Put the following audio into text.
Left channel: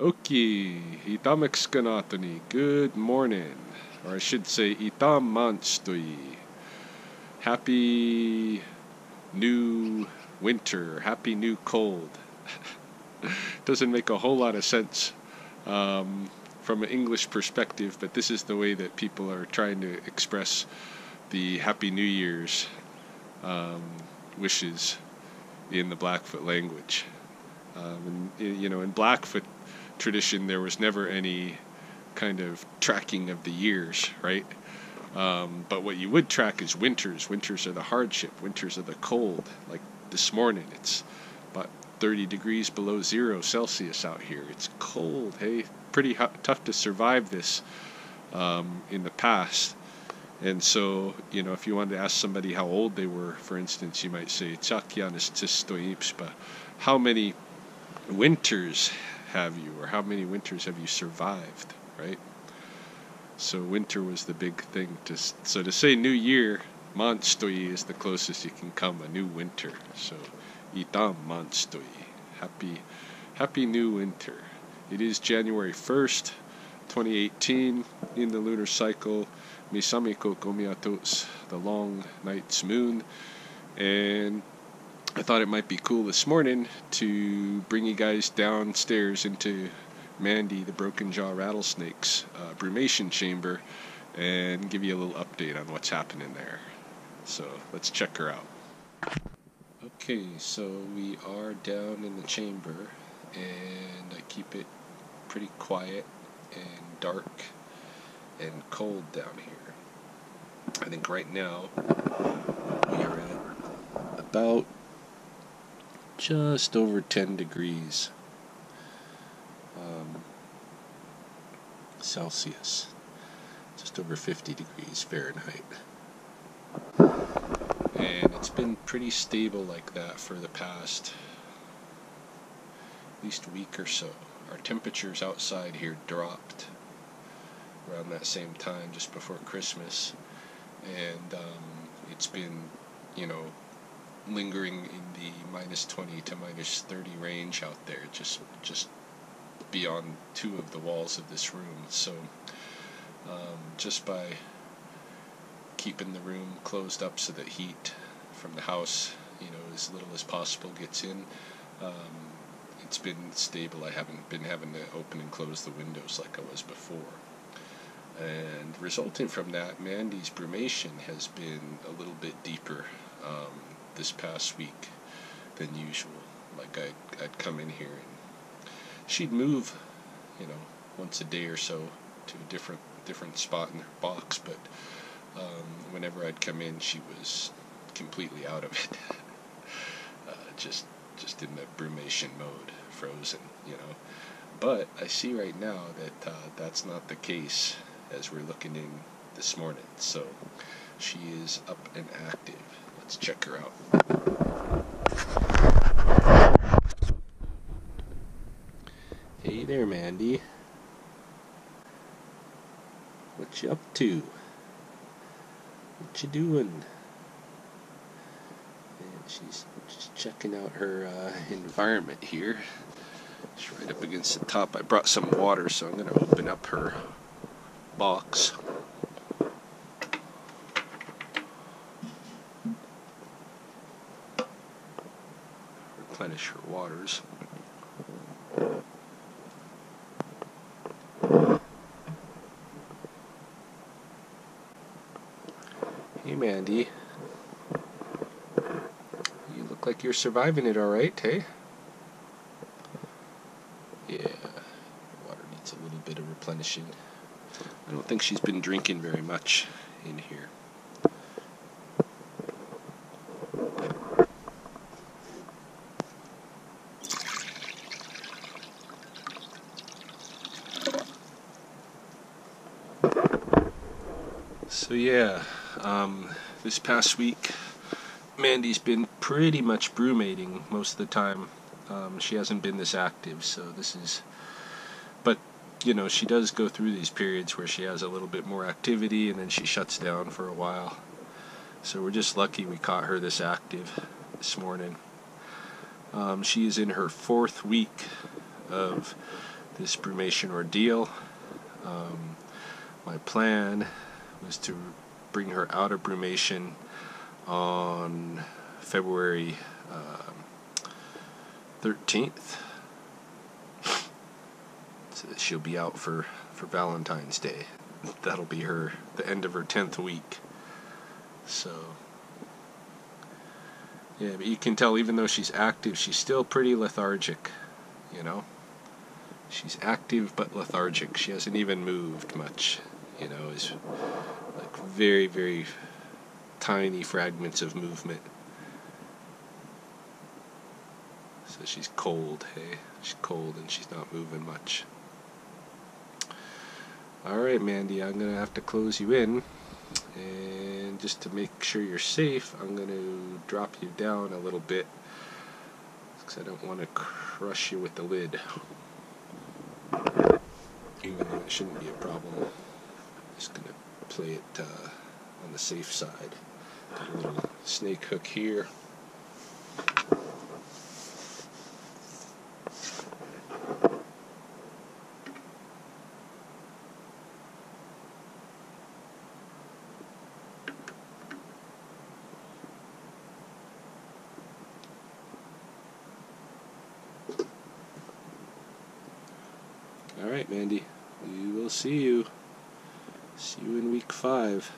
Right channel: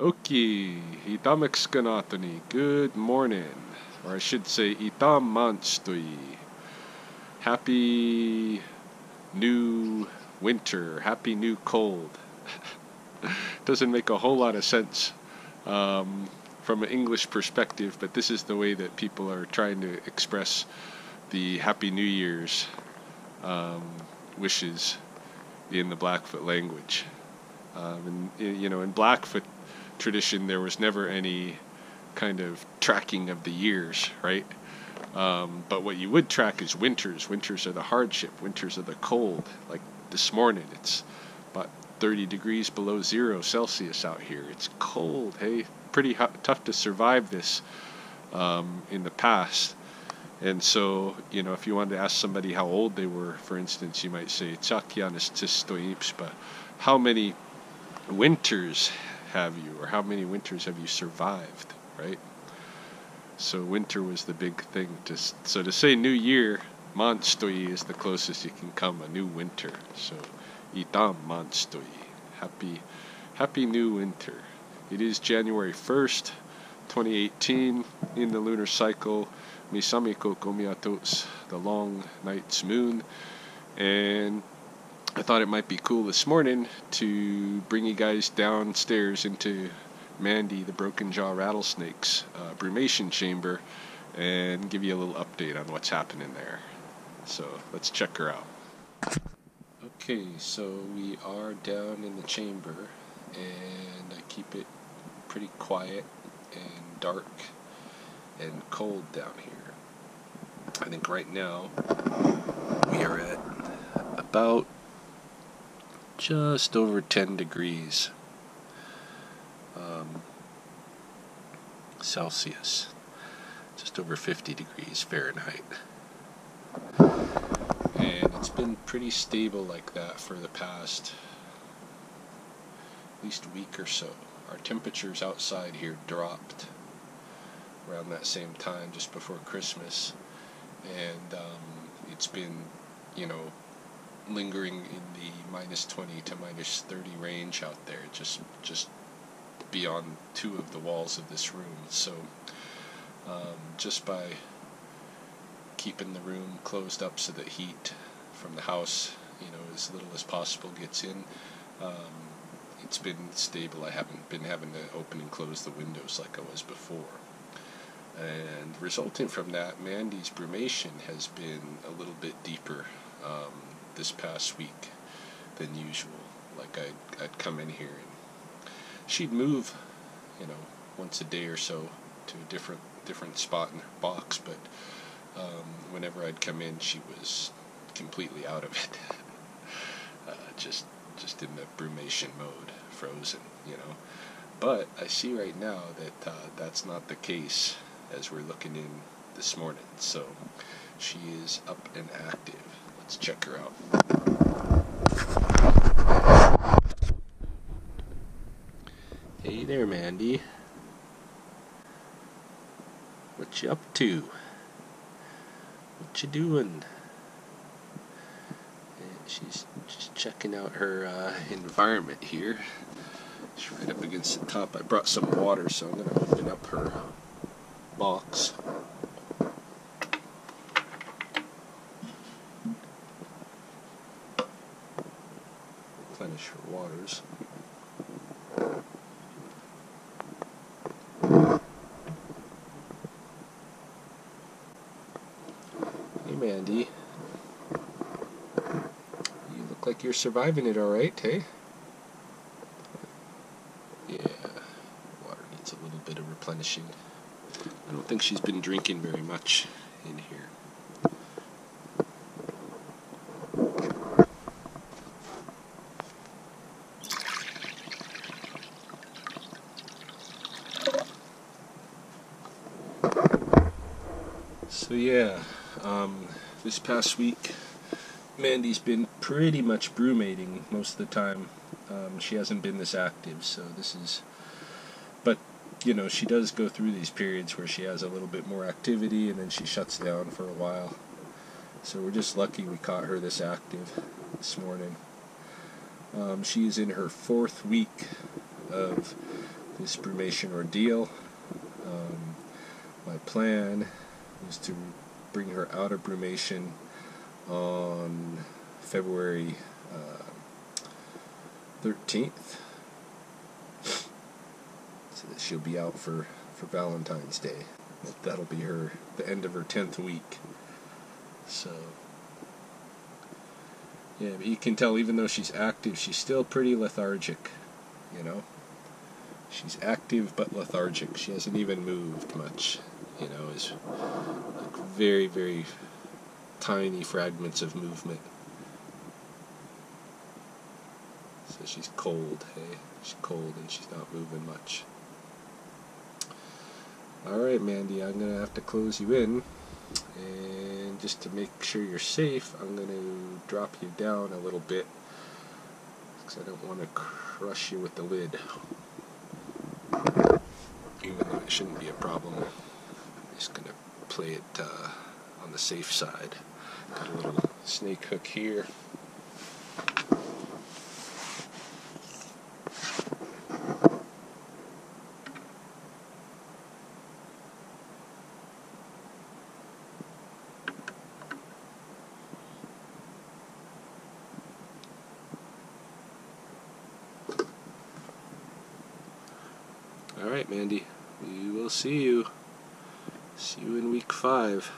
Okay, itamexkanatoni. Good morning. Or I should say, itamanstui. Happy new winter. Happy new cold. Doesn't make a whole lot of sense from an English perspective, but this is the way that people are trying to express the Happy New Year's um, wishes in the Blackfoot language. In Blackfoot tradition, there was never any kind of tracking of the years, right? But what you would track is winters. Winters are the hardship. Winters are the cold. Like this morning, it's about 30 degrees below 0 Celsius out here. It's cold, hey? Pretty tough to survive this in the past. And so, if you wanted to ask somebody how old they were, for instance, you might say, but how many winters have you, or how many winters have you survived, right? So winter was the big thing. So to say New Year, Manstoi is the closest you can come, a new winter. So Itam Manstoi, happy new winter. It is January 1st, 2018, in the lunar cycle, Misamiko Komiatos, the long night's moon. And I thought it might be cool this morning to bring you guys downstairs into Mandy, the broken jaw rattlesnake's brumation chamber, and give you a little update on what's happening there. So let's check her out. Okay, so we are down in the chamber, and I keep it pretty quiet and dark and cold down here. I think right now we are at about just over 10 degrees Celsius, just over 50 degrees Fahrenheit. And it's been pretty stable like that for the past at least week or so. Our temperatures outside here dropped around that same time, just before Christmas, and it's been, lingering in the minus 20 to minus 30 range out there, just beyond two of the walls of this room. So just by keeping the room closed up so that heat from the house, as little as possible gets in, it's been stable. I haven't been having to open and close the windows like I was before. And resulting from that, Mandy's brumation has been a little bit deeper this past week than usual. Like I'd come in here and she'd move, once a day or so to a different spot in her box, but whenever I'd come in, she was completely out of it. Just in the brumation mode, frozen, But I see right now that that's not the case as we're looking in this morning. So she is up and active. Let's check her out. Hey there, Mandy. What you up to? What you doing? And she's just checking out her environment here. She's right up against the top. I brought some water, so I'm going to open up her box. Replenish her waters. Hey, Mandy. You look like you're surviving it all right, hey? Yeah, her water needs a little bit of replenishing. I don't think she's been drinking very much in here. So yeah, this past week, Mandy's been pretty much brumating most of the time. She hasn't been this active, so this is... But, she does go through these periods where she has a little bit more activity, and then she shuts down for a while. So we're just lucky we caught her this active this morning. She is in her 4th week of this brumation ordeal. My plan was to bring her out of brumation on February 13th, so that she'll be out for Valentine's Day. That'll be the end of her 10th week. So yeah, but you can tell, even though she's active, she's still pretty lethargic, you know. She's active but lethargic. She hasn't even moved much, you know. It's like very, very tiny fragments of movement. So she's cold, hey? She's cold and she's not moving much. Alright, Mandy, I'm going to have to close you in. And just to make sure you're safe, I'm going to drop you down a little bit, because I don't want to crush you with the lid. Even though it shouldn't be a problem. I'm just going to play it on the safe side. Got a little snake hook here. Alright, Mandy, we will see you. See you in week 5.